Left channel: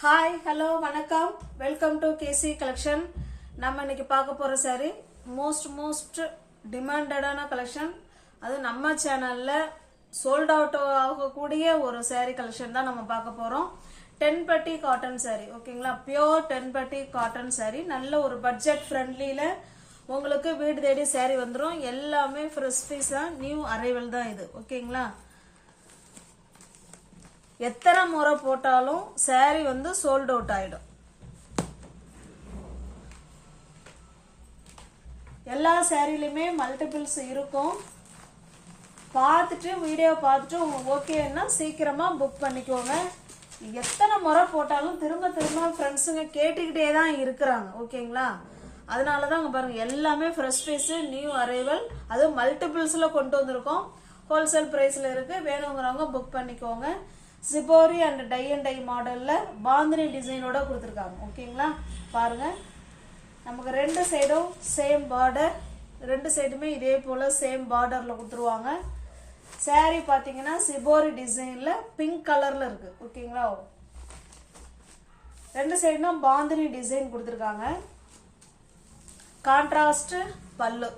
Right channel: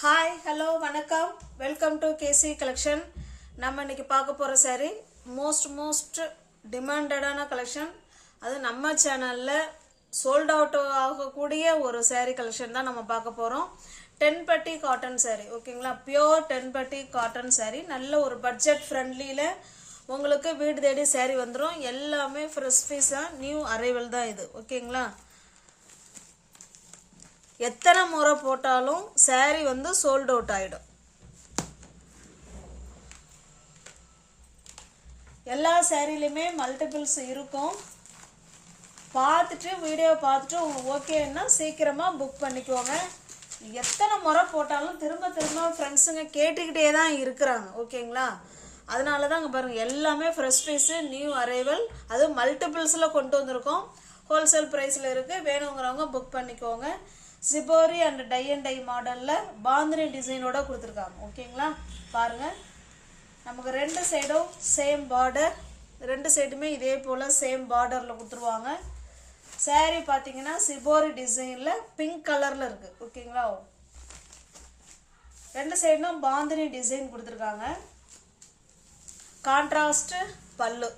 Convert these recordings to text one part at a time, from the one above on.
Hi, hello, வணக்கம். Welcome to KC collection. நம்ம இன்னைக்கு பார்க்க போற saree most demanded-ஆன collection. அது நம்ம சேனல்ல sold out ஆகக்கூடிய ஒரு saree collection தான் நம்ம பார்க்க போறோம். 10 பட்டி காட்டன் saree. ஓகேங்களா? பியூர் 10 பட்டி காட்டன் saree. நல்ல ஒரு பட்ஜெட் ஃப்ரெண்ட்லில உங்களுக்கு வீடு தேடி saree வந்துரும். எல்லாமே fresh piece-ஆ நியூ அரைவல் தான் இது. ஓகேங்களா? எத்தனை முறை போட்டாலும் saree வந்து sold out ஆயிடும். எல்லா சாரிலயுமே மல்டிபிள்ஸ் இருக்கும். பார்த்துட்டு வீடியோ பார்த்துட்டு உங்களுக்கு ஓகேன்னா சீக்கிரமா புக் பண்ணிக்கோங்க. எத்தனை முறை போட்டாலும் திரும்ப திரும்ப ஃப்ரெண்ட்ஸுங்க கேட்டுக்கிட்டே தான் இருக்கிறாங்க. ஓகேங்களா? அதனால தான் பாருங்க எல்லாமே ஃப்ரெஷ் பீஸ் நியூ அரைவல். அது மல்டிபிள்ஸ்ல கொண்டு வந்திருக்கோம். ஹோல்சேல் பிரைஸ்ல இருக்கு. வேணுங்கிறவங்க புக் பண்ணிக்கோங்க. Shibori and tie and dye மாடல்ல பாந்தினி டிசைனோட கொடுத்துருக்காங்க. ஓகேங்களா? பாருங்க நமக்கு ரெண்டு சைடும் சேம் பார்டர், ரெண்டு சைடுமே இதே போல சேம் பார்டர்ல கொடுத்துருவாங்க. saree பாத்தீங்கன்னா சிபோரி டிசைன்ல பிங்க் கலர்ல இருக்கு. ஓகேங்களா? ரெண்டு சைடும் பாந்தினி டிசைன் கொடுத்துருக்காங்க. கான்ட்ராஸ்ட் பல்லு.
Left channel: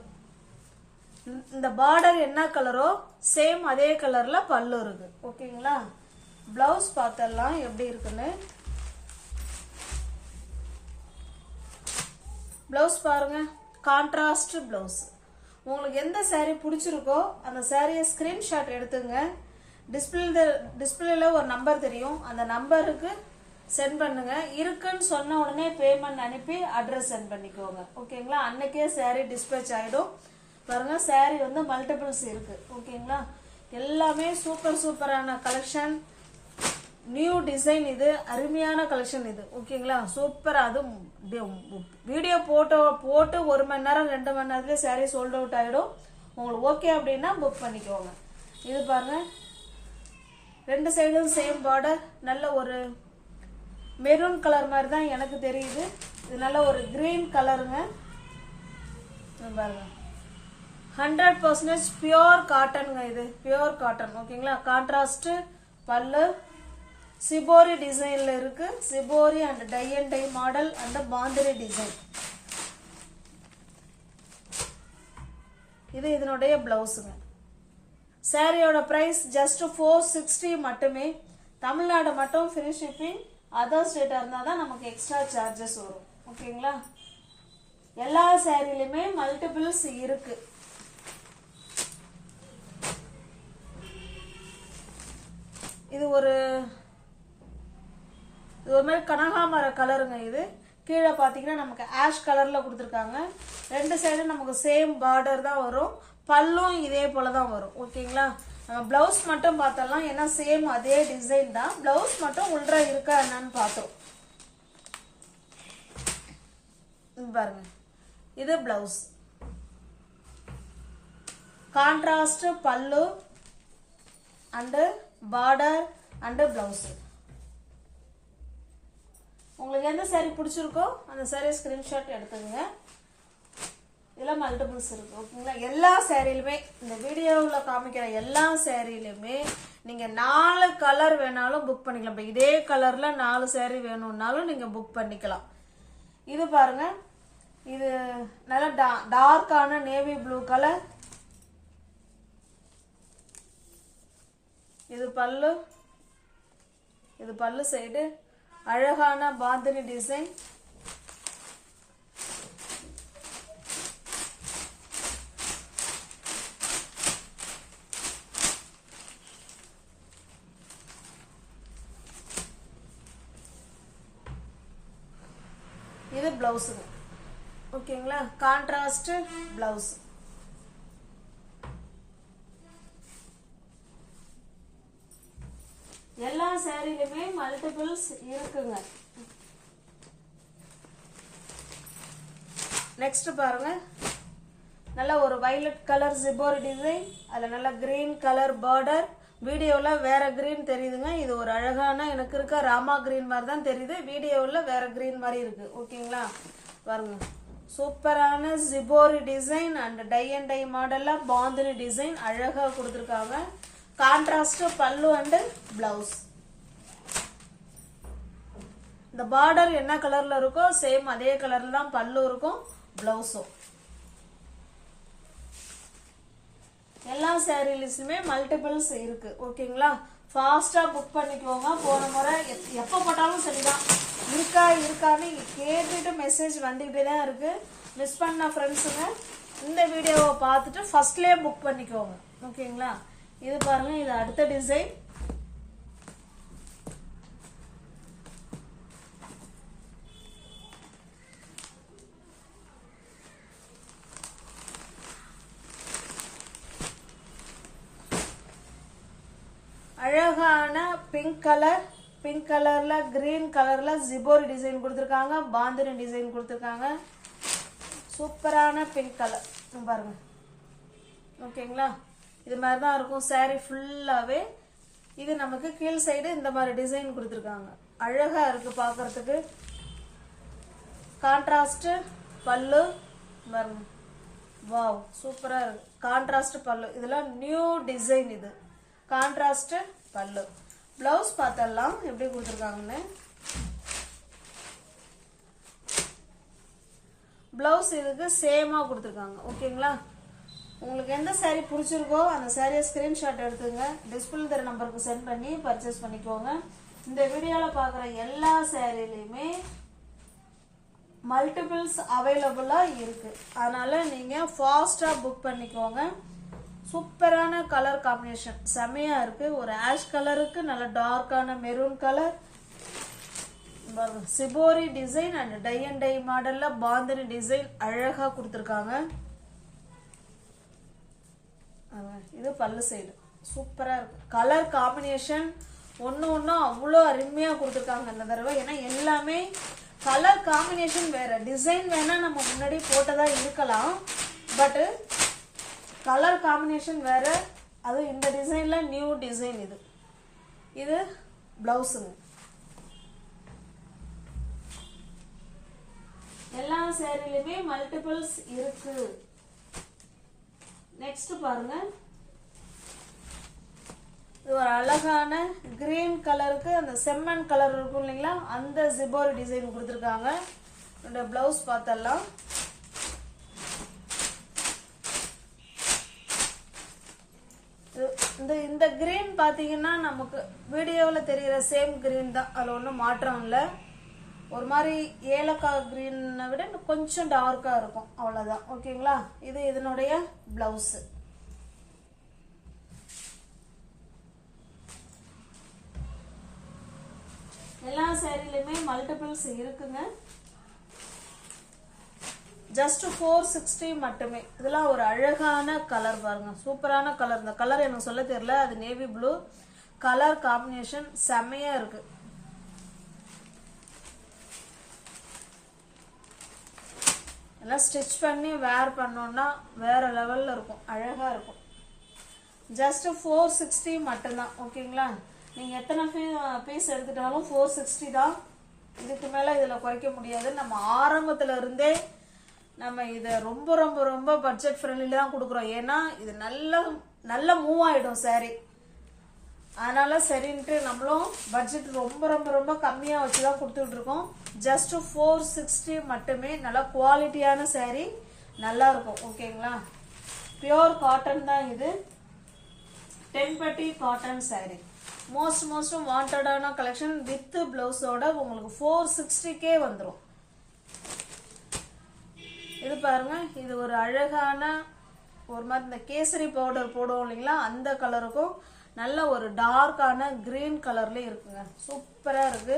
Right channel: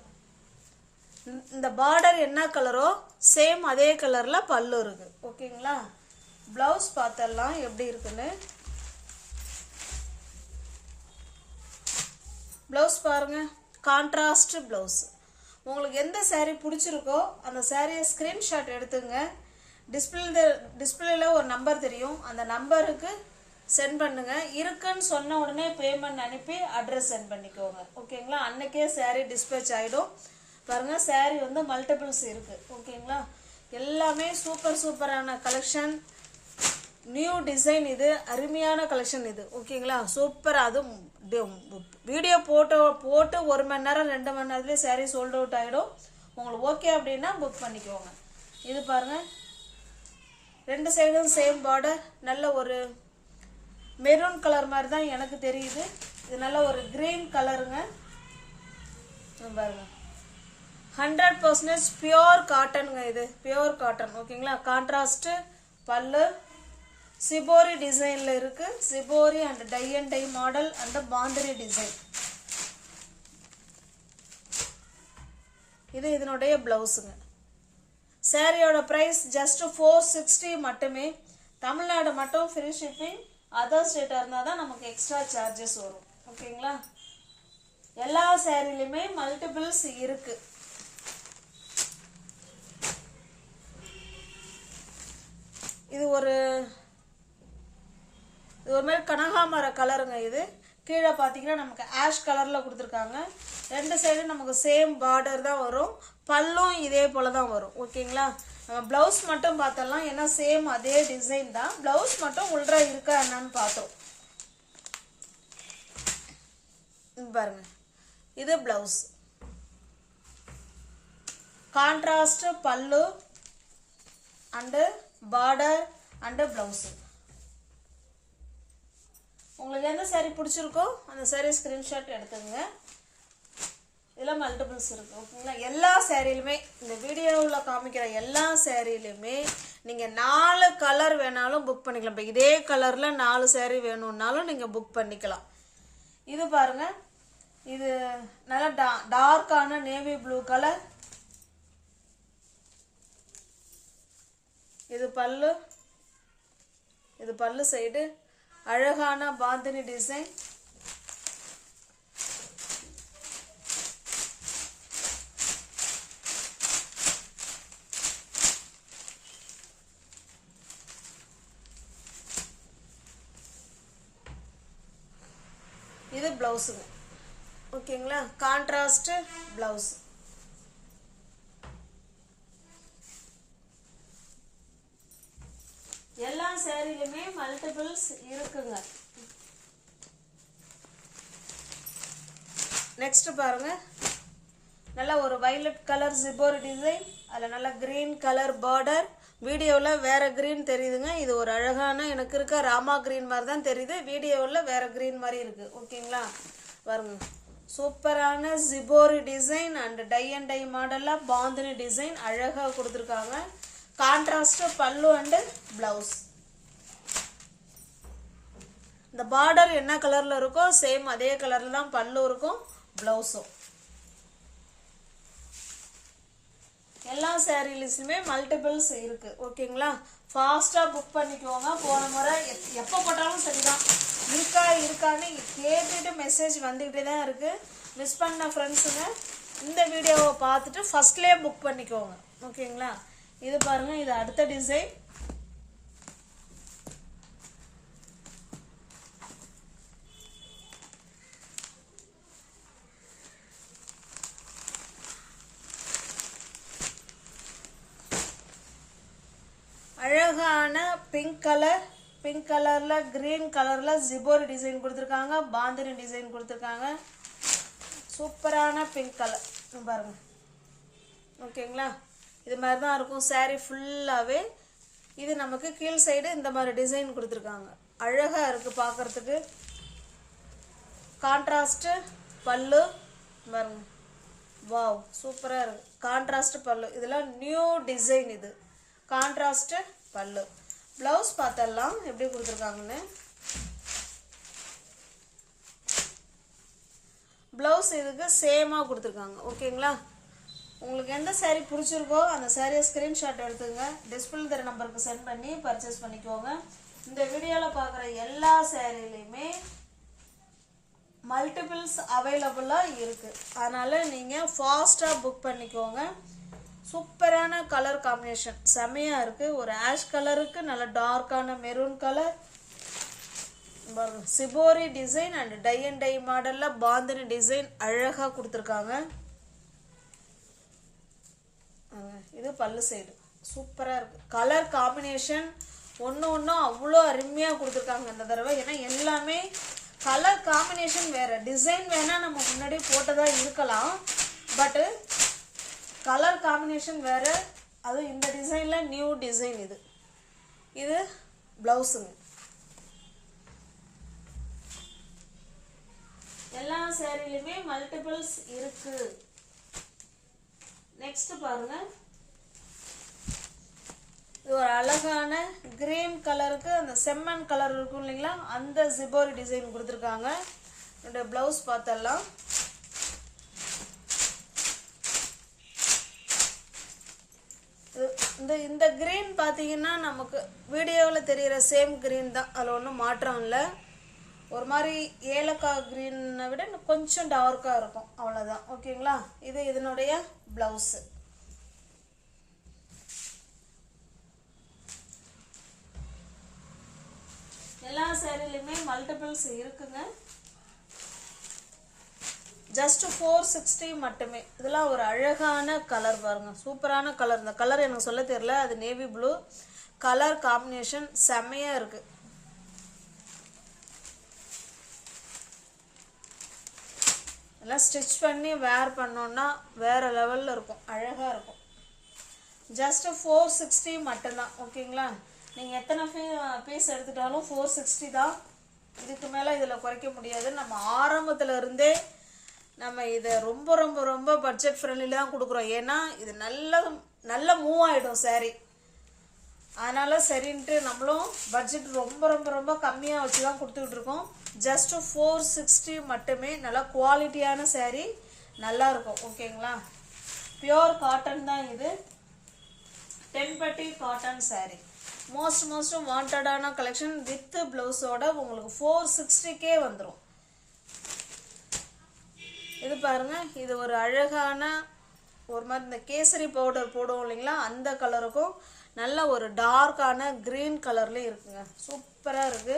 இந்த பார்டர் என்ன கலரோ சேம் அதே கலர்ல பல்லு இருக்கு. ஓகேங்களா? பிளவுஸ் பார்த்தலாம் எப்படி இருக்குன்னு. பிளவுஸ் பாருங்க, கான்ட்ராஸ்ட் பிளவுஸ். உங்களுக்கு எந்த saree பிடிச்சிருக்கோ அந்த சாரியை ஸ்கிரீன்ஷாட் எடுத்துங்க. டிஸ்பிளேல ஒரு நம்பர் தெரியும், அந்த நம்பருக்கு சென்ட் பண்ணுங்க. இருக்குன்னு சொன்ன உடனே பேமெண்ட் அனுப்பி அட்ரஸ் சென்ட் பண்ணிக்கோங்க. ஓகேங்களா? அன்னைக்கே saree டிஸ்பேச் ஆயிடும். பாருங்க saree வந்து மல்டிபிள்ஸ் இருக்கு. ஓகேங்களா? எல்லாமே சூப்பரான கலெக்ஷன், நியூ டிசைன். இது அருமையான கலெக்ஷன் இது. ஓகேங்களா? சூப்பர். அது வீடியோ போட்டு 1 மணி நேரம் 2 மணி நேரத்துலேயே saree சோல்ட் அவுட் ஆகிடும். உங்களுக்கு ஓகே அப்படின்னா புக் பண்ணிக்கோங்க. இது பாருங்க, ரெண்டு சைடும் சேம் பார்டர். நல்ல ஒரு மெரூன் கலர் மாதிரி தான் எனக்கு தெரியுது. இது நல்ல ஒரு கிரீன் கலருங்க. பாருங்க 100% பியூர் காட்டனுங்க. இது பியூர் காட்டன். ஓகேங்களா? கான்ட்ராஸ்ட் பல்லு சிபோரி டிசைன்ல இருக்கு. Shibori and tie and dye model and bandhani design. இது இதனுடைய பிளவுஸுங்க. சாரியோட பிரைஸ் ஜஸ்ட் 460 மட்டுமே. தமிழ்நாடு மட்டும் ஃப்ரீ ஷிப்பிங். அதர் ஸ்டேட்டா இருந்தா தான் நமக்கு எக்ஸ்ட்ரா சார்ஜஸ் வரும். ஓகேங்களா? எல்லா சாரிலுமே மல்டிபிள்ஸ் இருக்கு. இது ஒரு மாதிரி கனகாமர கலருங்க. இது கீழே பார்த்தீங்கன்னா நமக்கு ஆஷ் கலர்ல கொடுத்துருக்காங்க. ரெண்டு சைடும் நமக்கு சேம் பார்டர் தான் வரும். பல்லும் இதே போல தான் வரும். ஓகேங்களா? பிளவுஸ் மட்டும் பார்த்தலாம், ஏன்னா சேம் அதே டிசைன் தான். பிளவுஸ் மட்டும் உள்ள இருக்கா என்னன்னு பார்த்தோம். பாருங்க, இது பிளவுஸ். கான்ட்ராஸ்ட் பல்லு அண்ட் பார்டர் அண்ட் பிளவுஸ். உங்களுக்கு எந்த saree பிடிச்சிருக்கோ அந்த saree ஸ்கிரீன்ஷாட் எடுத்துங்க. இதெல்லாம் மல்டிபிள்ஸ் இருக்கு. ஓகேங்களா? எல்லா சாரிலுமே இந்த வீடியோவில் காமிக்கிற எல்லா சாரிலுமே நீங்க 4 கலர் வேணாலும் புக் பண்ணிக்கலாம். இப்போ இதே கலர்ல 4 saree வேணும்னாலும் நீங்க புக் பண்ணிக்கலாம். இது பாருங்க, இது நல்ல டார்க்கான நேவி ப்ளூ கலர். இது பல்லு, இது பல்லு சைடு. அழகான பாந்தினி டிசைன். இது பிளவுஸ். ஓகேங்களா? Contrast blouse. எல்லா சாரிலுமே மல்டிபிள்ஸ் இருக்குங்க. நெக்ஸ்ட் பாருங்க, நல்ல ஒரு வயலட் கலர் சிபோரி டிசைன். அதுல நல்ல கிரீன் கலர் பார்டர். வீடியோல வேற கிரீன் தெரியுதுங்க. இது ஒரு அழகான எனக்கு இருக்க ராமா கிரீன் மாதிரி தான் தெரியுது. வீடியோல வேற கிரீன் மாதிரி இருக்கு. ஓகேங்களா? பாருங்க, சூப்பரான shibori design and tie and dye மாடல்ல பாந்தினி டிசைன் அழகா கொடுத்துருக்காங்க. கான்ட்ராஸ்ட் பல்லு அண்ட் பிளவுஸ். இந்த பார்டர் என்ன கலர்ல இருக்கோ சேம் அதே கலர்ல தான் பல்லு இருக்கும், பிளவுஸும். எல்லா சாரீஸ்லயுமே மல்டிபிள்ஸ் இருக்கு. ஓகேங்களா? ஃபாஸ்டா புக் பண்ணிக்கோங்க. போன முறை எப்ப போட்டாலும் சரிதான், இருக்கான்னு கேட்டுட்டு மெசேஜ் வந்துகிட்டே தான் இருக்கு. மிஸ் பண்ண ஃப்ரெண்ட்ஸுங்க இந்த வீடியோவை பார்த்துட்டு ஃபர்ஸ்ட்லயே புக் பண்ணிக்கோங்க. ஓகேங்களா? இது பாருங்க, இது அடுத்த டிசைன். அழகான பிங்க் கலர்ல கிரீன் கலர்ல ஜிபோரி டிசைன் கொடுத்துருக்காங்க, பாந்தினி டிசைன் கொடுத்துருக்காங்க. சூப்பரான பிங்க் கலர் பாருங்க. ஓகேங்களா? இது மாதிரி தான் இருக்கும் saree ஃபுல்லாவே. இது நமக்கு கீழ் சைடு இந்த மாதிரி டிசைன் கொடுத்துருக்காங்க. அழகா இருக்கு பார்க்கறதுக்கு. கான்ட்ராஸ்ட் பல்லு பாருங்க. வாவ், சூப்பரா இருக்கு. கான்ட்ராஸ்ட் பல்லு, இதெல்லாம் நியூ டிசைன். இது கான்ட்ராஸ்ட் பல்லு. பிளவுஸ் பார்த்தலாம் எப்படி கொடுத்துருக்காங்கன்னு. பிளவுஸ் இதுக்கு சேமா கொடுத்துருக்காங்க. ஓகேங்களா? உங்களுக்கு எந்த saree பிடிச்சிருக்கோ அந்த சாரியை ஸ்கிரீன்ஷாட் எடுத்துங்க, டிஸ்பிளே தர நம்பருக்கு சென்ட் பண்ணி பர்ச்சேஸ் பண்ணிக்கோங்க. இந்த வீடியோல பார்க்குற எல்லா சாரிலையுமே மல்டிபிள்ஸ் அவைலபிளா இருக்கு. அதனால நீங்க ஃபாஸ்டா புக் பண்ணிக்கோங்க. சூப்பரான கலர் காம்பினேஷன், செமையா இருக்கு. ஒரு ஆஷ் கலருக்கு நல்ல டார்க்கான maroon colour, shibori design and tie and dye மாடல்ல பாந்தினி டிசைன் அழகா கொடுத்துருக்காங்க. இது பல்லு சைடு சூப்பரா இருக்கு. கலர் காம்பினேஷன் ஒன்னு அவ்வளோ அருமையா கொடுத்துருக்காங்க இந்த தடவை. ஏன்னா எல்லாமே கலர் காம்பினேஷன் வேற. டிசைன் வேணா நம்ம முன்னாடி போட்டதா இருக்கலாம், பட் கலர் காம்பினேஷன் வேற. அதுவும் இந்த டிசைன்ல நியூ டிசைன். இது பிளவுஸுங்க. எல்லா சாரிலுமே மல்டிபிள்ஸ் இருக்கு. நெக்ஸ்ட் பாருங்க, இது ஒரு அழகான கிரீன் கலருக்கு அந்த செம்மண் கலர் இருக்கும் இல்லைங்களா, அந்த ஜிபோரி டிசைன் கொடுத்துருக்காங்க. இந்த பிளவுஸ் பார்த்தலாம். இந்த கிரீன் பாத்தீங்கன்னா நமக்கு வீடியோவில் தெரிகிற சேம் கிரீன் தான், அதில் ஒன்றும் மாற்றம் இல்லை. ஒரு மாதிரி ஏலக்காய் கிரீனை விட கொஞ்சம் டார்க்கா இருக்கும், அவ்வளோதான். ஓகேங்களா? இது இதனுடைய பிளவுஸ். எல்லா சாரிலுமே மல்டிபிள்ஸ் இருக்குங்க. ஜஸ்ட் 460 மட்டுமே. இதெல்லாம் ஒரு அழகான கலர் பாருங்க, சூப்பரான கலர். இந்த கலர் எனக்கு சொல்ல தெரியல, அது நேவி ப்ளூ கலர் காம்பினேஷன், செமையா இருக்கு. எல்லாம் ஸ்டிச் பண்ணி வேர் பண்ணோம்னா வேற லெவல்ல இருக்கும், அழகா இருக்கும். ஜஸ்ட் 460 மட்டும்தான். ஓகேங்களா? நீங்க எத்தனை பீஸ் எடுத்துட்டாலும் 460 தான். இதுக்கு மேல இதுல குறைக்க முடியாது. நம்ம ஆரம்பத்துல இருந்தே நம்ம இதை ரொம்ப ரொம்ப ரொம்ப பட்ஜெட் ஃப்ரெண்ட்லில தான் கொடுக்குறோம். ஏன்னா இது நல்ல மூவ் ஆயிடும் சாரி. அதனால சரின்ட்டு நம்மளும் பட்ஜெட் ரொம்ப ரொம்ப ரொம்ப கம்மியா வச்சுதான் கொடுத்துட்டு இருக்கோம். ஜஸ்ட் 460 மட்டுமே. நல்ல குவாலிட்டியான சாரி, நல்லா இருக்கும். ஓகேங்களா? பியோர் காட்டன் தான் இது. 10 பட்டி காட்டன் சாரி. மோஸ்ட் வாண்டடான கலெக்ஷன் வித் பிளவுஸோட உங்களுக்கு 460K வந்துடும். இது பாருங்க, இது ஒரு அழகான ஒரு மாதிரி இந்த கேசரி பவுடர் போடுவோம் இல்லைங்களா, அந்த கலருக்கும் நல்ல ஒரு டார்க்கான கிரீன் கலர்ல இருக்குங்க. சூப்பரா இருக்கு.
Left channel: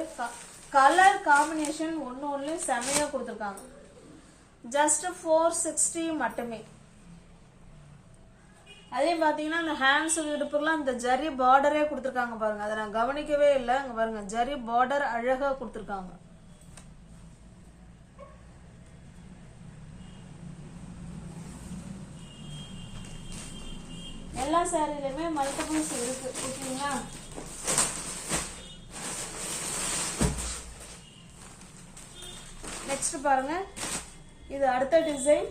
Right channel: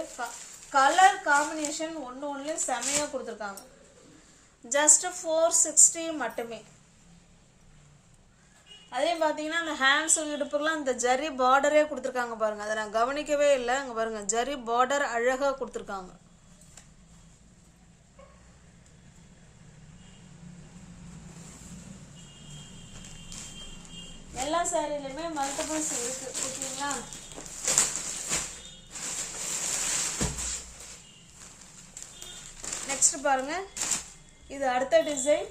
கலர் காம்பினேஷன் ஒன்னும் செமையா கொடுத்துருக்காங்க. ஜஸ்ட் 460 மட்டுமே. அதே பாத்தீங்கன்னா இந்த ஹேண்ட்ஸ் இடுப்புக்கெல்லாம் இந்த ஜரி பார்டரே கொடுத்துருக்காங்க பாருங்க. அதை நான் கவனிக்கவே இல்லை. அங்க பாருங்க, ஜரி பார்டர் அழகா கொடுத்துருக்காங்க. எல்லா சாரிலுமே மல்டிபிள்ஸ் இருக்கு. ஓகேங்களா? நெக்ஸ்ட் பாருங்க, இது அடுத்த டிசைன்.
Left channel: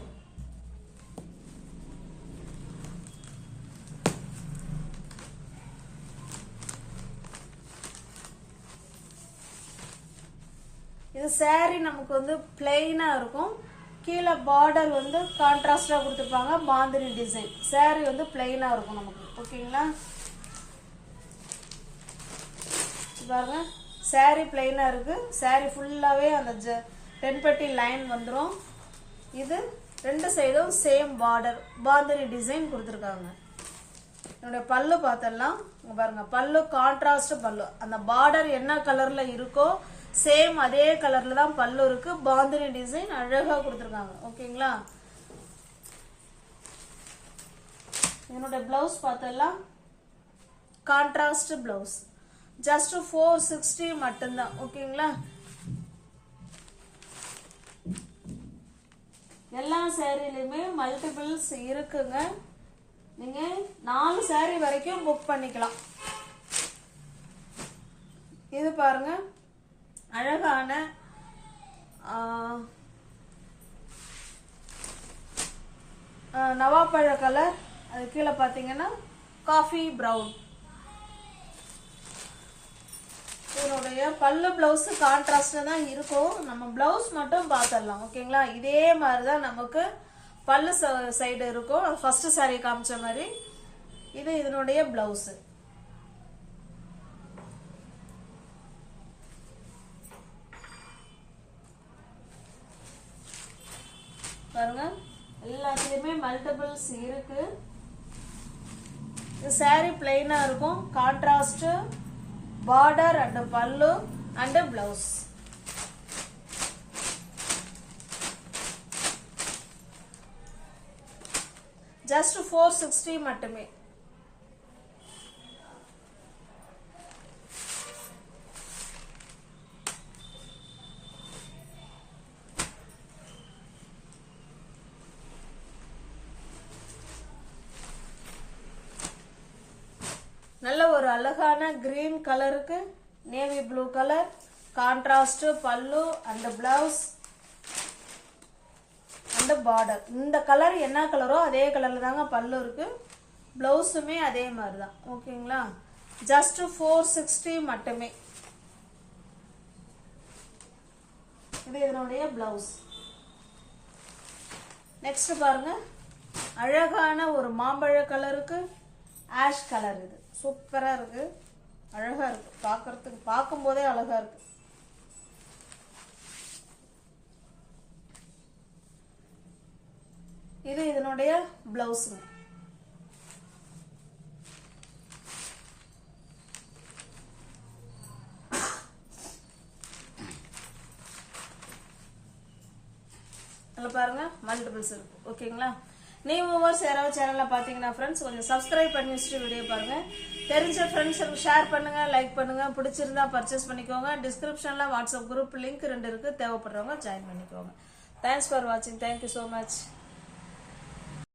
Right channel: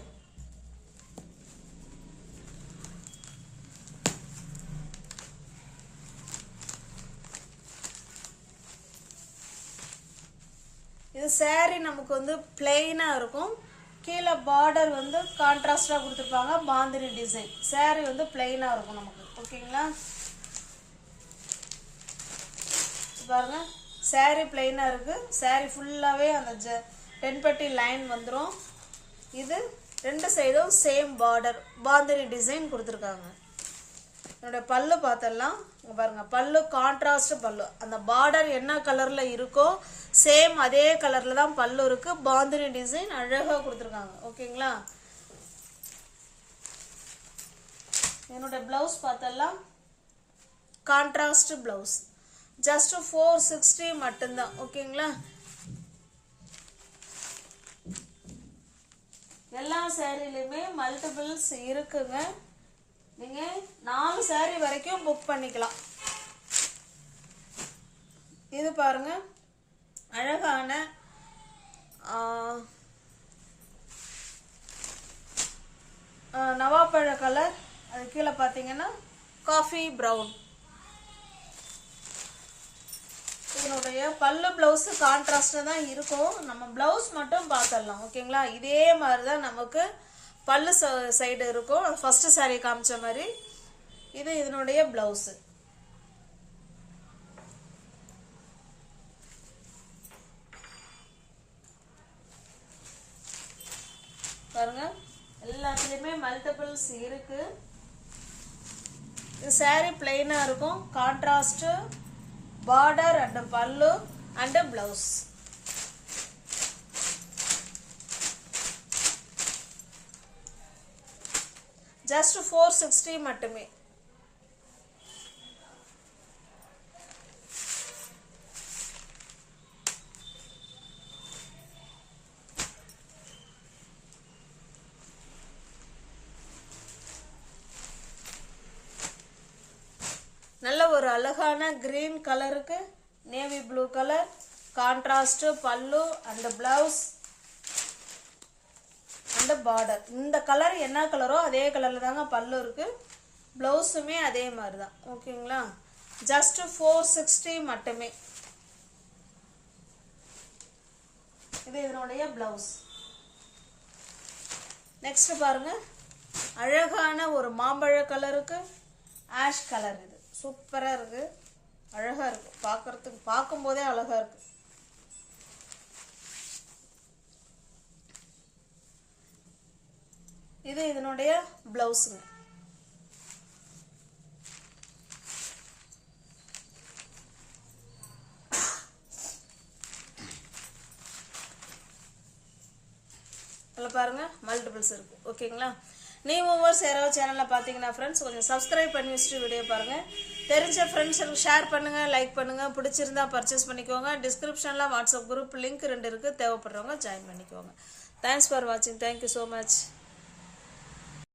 இது saree நமக்கு வந்து பிளெயினா இருக்கும். கீழே பார்டர் வந்து கான்ட்ராஸ்டா கொடுத்துருப்பாங்க. பாந்தினி டிசைன். saree வந்து பிளெயினா இருக்கும் நமக்கு. ஓகேங்களா? பாருங்க saree பிளெயினா இருக்கு. saree ஃபுல்லாவே அந்த தென்பட்டி லைன் வந்துரும். இது ரெண்டு சைடும் சேம் பார்டர் பாந்தினி டிசைன் கொடுத்துருக்காங்க. என்னோட பல்லு பார்த்தலாம். பாருங்க பல்லு கான்ட்ராஸ்ட் பல்லு. அந்த பார்டர் என்ன கலர்ல இருக்கோ சேம் அதே கலர்ல தான் பல்லு இருக்கு. பாந்தினி டிசைன் அழகா கொடுத்துருக்காங்க. ஓகேங்களா? என்னோட பிளவுஸ் பார்த்தலாம். Contrast blouse. ஜஸ்ட் 460 மட்டும்தான். ஓகேங்களா? எல்லா சாரிலையுமே மல்டிபிள்ஸ் இருக்குங்க. நீங்க 4 saree வரைக்கும் புக் பண்ணிக்கலாம். இது பாருங்க அழகான நவாப்பழ கலர். அது கீழே பாத்தீங்கன்னா காஃபி பிரவுன். இதனுடைய பல்லு பிளவுஸ் கான்ட்ராஸ்டா தான் இருக்கும். நம்ம பிளவுஸ் மட்டும் பார்த்துடலாம். ஓகேங்களா? இதே மாதிரிதான் நமக்கு பல்லு சைடு இருக்கும். ஃபர்ஸ்ட் saree காமிச்ச மாதிரி. இது இதனுடைய பிளவுஸ். பாருங்க எல்லாத்துலயுமே மல்டிபிள்ஸ் இருக்கு. இது saree பிளெயினா இருக்கும். கான்ட்ராஸ்ட் பார்டர் அண்ட் பல்லு அண்ட் பிளவுஸ். ஜஸ்ட் 460 மட்டுமே. நல்ல ஒரு அழகான கிரீன் கலருக்கு நேவி ப்ளூ கலர் கான்ட்ராஸ்ட் பல்லு அண்ட் பிளவுஸ் அண்ட் பார்டர். இந்த கலர் என்ன கலரோ அதே கலர்ல தாங்க பல்லு இருக்கு. பிளவுஸுமே அதே மாதிரி தான். ஓகேங்களா? ஜஸ்ட் 460 மட்டுமே. இது இதனுடைய பிளவுஸ். நெக்ஸ்ட் பாருங்க அழகான ஒரு மாம்பழ கலருக்கு ஆஷ் கலர். இது சூப்பரா இருக்கு. அழகா இருக்கு. பார்க்கிறதுக்கு பார்க்கும்போதே அழகா இருக்கு. இது இதனுடைய பிளவுஸ். இதுல பாருங்க மல்டிபிள்ஸ் இருக்கு. ஓகேங்களா? நியூ வியூவர்ஸ் யாராவது சேனல்ல பாத்தீங்கன்னா ஃப்ரெண்ட்ஸ் கொஞ்சம் சப்ஸ்கிரைப் பண்ணி வச்சுட்டு வீடியோ பாருங்க. தெரிஞ்ச ஃப்ரெண்ட்ஸுக்கு ஷேர் பண்ணுங்க, லைக் பண்ணுங்க. பிடிச்சிருந்தா பர்ச்சேஸ் பண்ணிக்கோங்க. டிஸ்கிரிப்ஷன்ல வாட்ஸ்அப் குரூப் லிங்க் 2 இருக்கு. தேவைப்படுறவங்க ஜாயின் பண்ணிக்கோங்க. தேங்க்ஸ் ஃபார் வாட்சிங். Thank you so much.